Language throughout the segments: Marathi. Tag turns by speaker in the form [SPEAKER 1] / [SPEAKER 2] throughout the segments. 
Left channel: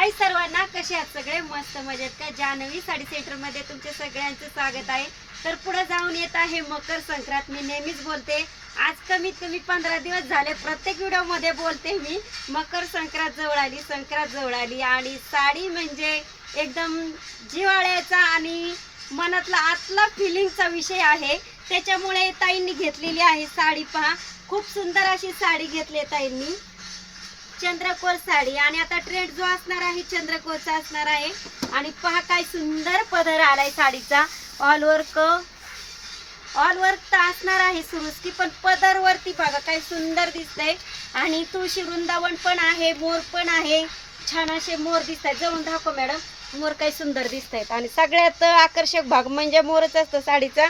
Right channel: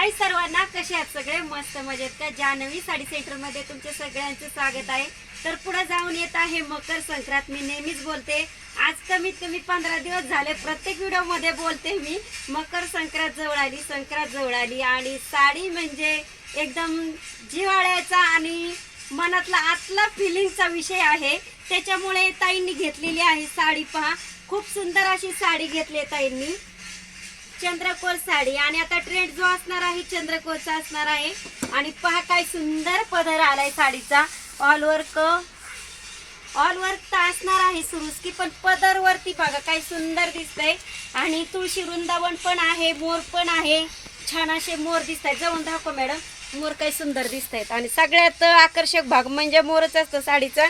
[SPEAKER 1] हाय सर्वांना कसे आहात सगळे? मस्त मजेत का? जानवी साडी सेंटरमध्ये तुमचे सगळ्यांचे स्वागत आहे. तर पुढे जाऊन येत आहे मकर संक्रांत. मी नेहमीच बोलते आज कमीत कमी पंधरा दिवस झाले. प्रत्येक व्हिडिओमध्ये बोलते मी मकर संक्रांत जवळ आली संक्रांत जवळ आली. आणि साडी म्हणजे एकदम जिवाळ्याचा आणि मनातला आतला फिलिंगचा विषय आहे. त्याच्यामुळे ताईंनी घेतलेली आहे साडी. पहा खूप सुंदर अशी साडी घेतली ताईंनी. चंद्रकोर साडी. आणि आता ट्रेंड जो असणार आहे चंद्रकोरचा असणार आहे. आणि पहा काय सुंदर पदर आलाय साडीचा. ऑल वर्क ऑल वर्क तर असणार आहे सुरुस्की पण पदर वरती बघा काय सुंदर दिसतंय. आणि तुळशी वृंदावन पण आहे मोर पण आहे. छान असे मोर दिसत आहेत जाऊन दाखव मॅडम मोर काही सुंदर दिसत आहेत आणि सगळ्यात आकर्षक भाग म्हणजे मोरच असतो साडीचा.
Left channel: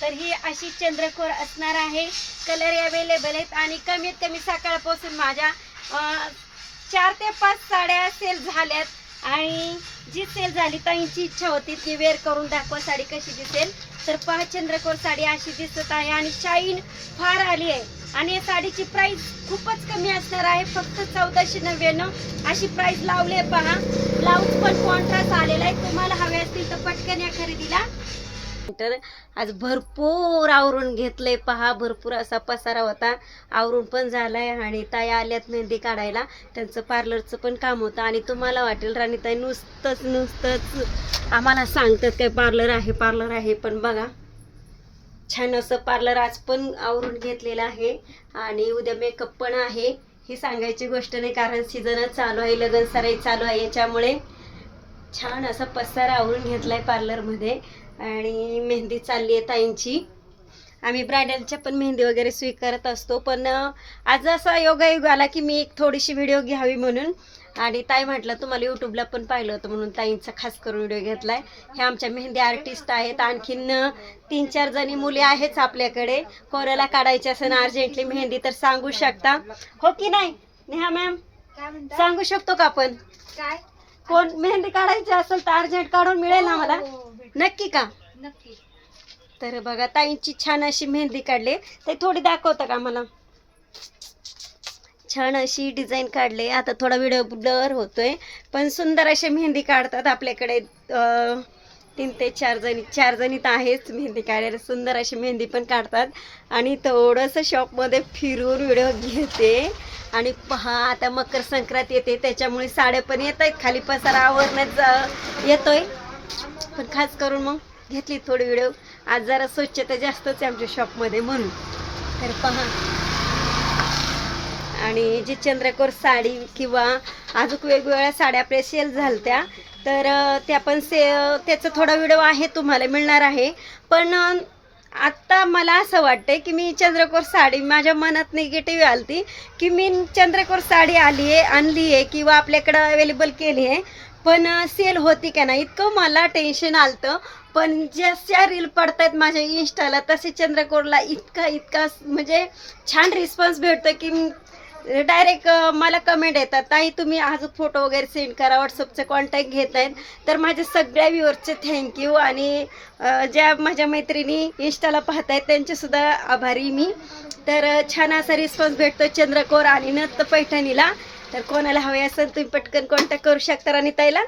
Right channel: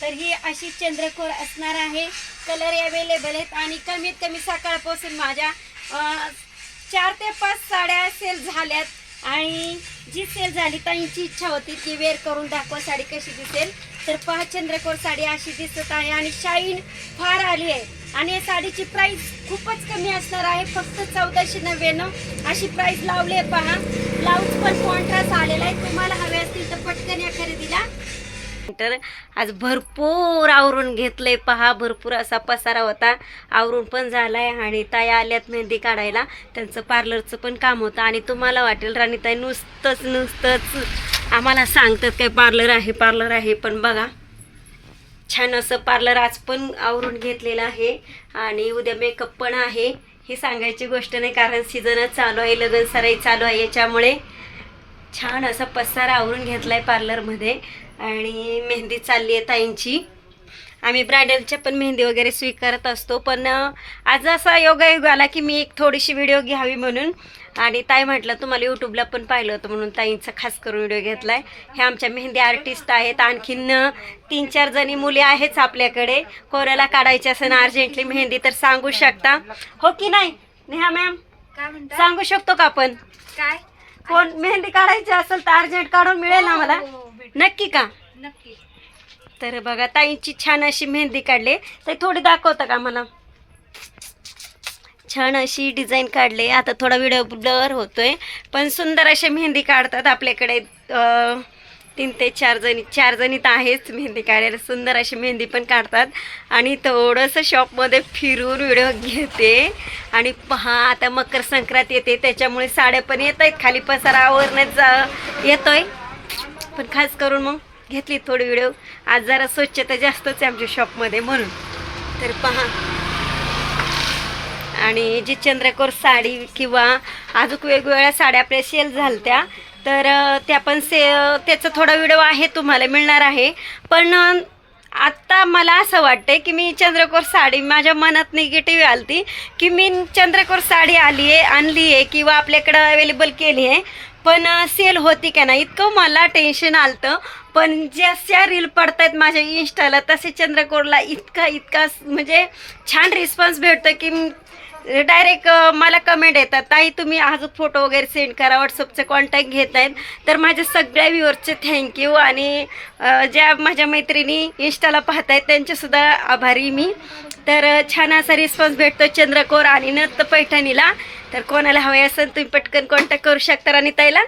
[SPEAKER 1] तर ही अशी चंद्रकोर असणार आहे. कलर अवेलेबल आहेत आणि कमीत कमी सकाळपासून माझ्या चार ते पाच साड्या सेल झाल्यात. आणि जी सेल झाली ताईंची इच्छा होती की वेअर करून दाखवा साडी कशी दिसेल. तर पहा चंद्रकोर साडी अशी दिसत आहे आणि शाईन फार आली आहे. आणि या साडीची प्राईस खूपच कमी असणार आहे. फक्त चौदाशे नव्याण्णव अशी प्राईस लावली आहे. पहा ब्लाऊज पण कॉन्ट्रास्ट आलेला आहे. तुम्हाला हवे असतील तर पटकन या खरेदीला तर आज भरपूर आवरून घेतलंय. पहा भरपूर असा पसारा होता. आवरून पण झालाय आणि ताई आल्यात मेहंदी काढायला. त्यांचं पार्लरचं पण काम होतं आणि तुम्हाला वाटेल राणीताई नुसतंच नुसतंच आम्हाला सांगतात काय पार्लर आहे पार्लर आहे. पण बघा छान असं पार्लर आज पण आवरून घेतलेलं आहे आणि उद्या मेकअप पण आहे. ही सांगायची गोष्ट नाही कारण सीझनच चालू आहे लग्न सराई चालू आहे. याच्यामुळे छान असा पसारा आवरून घेतलाय पार्लरमध्ये आणि मेहंदी चालली आहे ताईंची. आम्ही ब्रायडलच्या पण मेहंदी वगैरे स्वीकारत असतो पण आज असा योगायोग आला की मी एक थोडीशी व्हिडिओ घ्यावी म्हणून. आणि ताई म्हटलं तुम्हाला यूट्यूबला पण पाहिलं होतं म्हणून ताईंचा खास करून व्हिडिओ घेतलाय. हे आमच्या मेहंदी आर्टिस्ट आहेत आणखीन तीन चार जणी मुली आहेच आपल्याकडे. कोणाला काढायची असेल अर्जंटली मेहंदी तर सांगू शकता. हो की नाही? नेहा मॅम सांगू शकतो का आपण?
[SPEAKER 2] काय?
[SPEAKER 1] कोण मेहंदी काढायची असेल तर अर्जंट काढून मिळेल ना मला
[SPEAKER 2] हो, हो,
[SPEAKER 1] नक्की का?
[SPEAKER 2] नक्की.
[SPEAKER 1] तर बघा ताईंची छान अशी मेहंदी काढली. तर थोडी दाखवता का मला छान अशी डिझाईन काढली. आता थोडा व्हिडिओ ब्लर होतोय पण सुंदर अशी मेहंदी काढतात आपल्याकडे. अं, तीन ते चार जणी चार जणी तर आहेच मेहंदी काढायला. सुंदर अशी मेहंदी पण काढतात. आणि थोडंसं शॉपमध्ये फिरून व्हिडिओ घेते. आणि पहा आता मकर संक्रांत येते. त्याच्यामुळे साड्या पण येत आहेत खाली पसारा आवरण्यात येतोय. पण खास करून मग घेतली थोडी व्हिडिओ आज जरा स्वच्छता जास्तच आहे आमच्या शॉपमध्ये म्हणून. तर पहा. आणि जी चंद्रकोर साडी किंवा अजून वेगवेगळ्या साड्या आपल्या सेल झालत्या तर त्या पण से त्याचा थोडा व्हिडिओ आहे तुम्हाला मिळणार आहे. पण आत्ता मला असं वाटतं की मी चंद्रकोर साडी माझ्या मनात निगेटिव्ह आलती की मी चंद्रकोर साडी आली आहे आणली आहे किंवा आपल्याकडं अवेलेबल केली आहे पण सेल होती का नाही इतकं मला टेन्शन आलतं. पण जशा रील पडतायत माझ्या इन्स्टाला तसे चंद्रकोरला इतका इतका म्हणजे छान रिस्पॉन्स भेटतो की डायरेक्ट मला कमेंट येतात ताई तुम्ही अजून फोटो वगैरे सेंड करा व्हॉट्सअपचे कॉन्टॅक्ट घेत आहेत तर माझ्या सगळ्या व्ह्युअर्सचे थँक्यू आणि ज्या माझ्या मैत्रिणी इन्स्टाला पाहत आहेत त्यांचेसुद्धा आभारी मी. तर छान असा रिस्पॉन्स भेटतो चंद्रकोर आणि नत्त पैठणीला. तर कोणाला हवे असेल तुम्ही पटकन कॉन्टॅक्ट करू शकता आणि ताईला.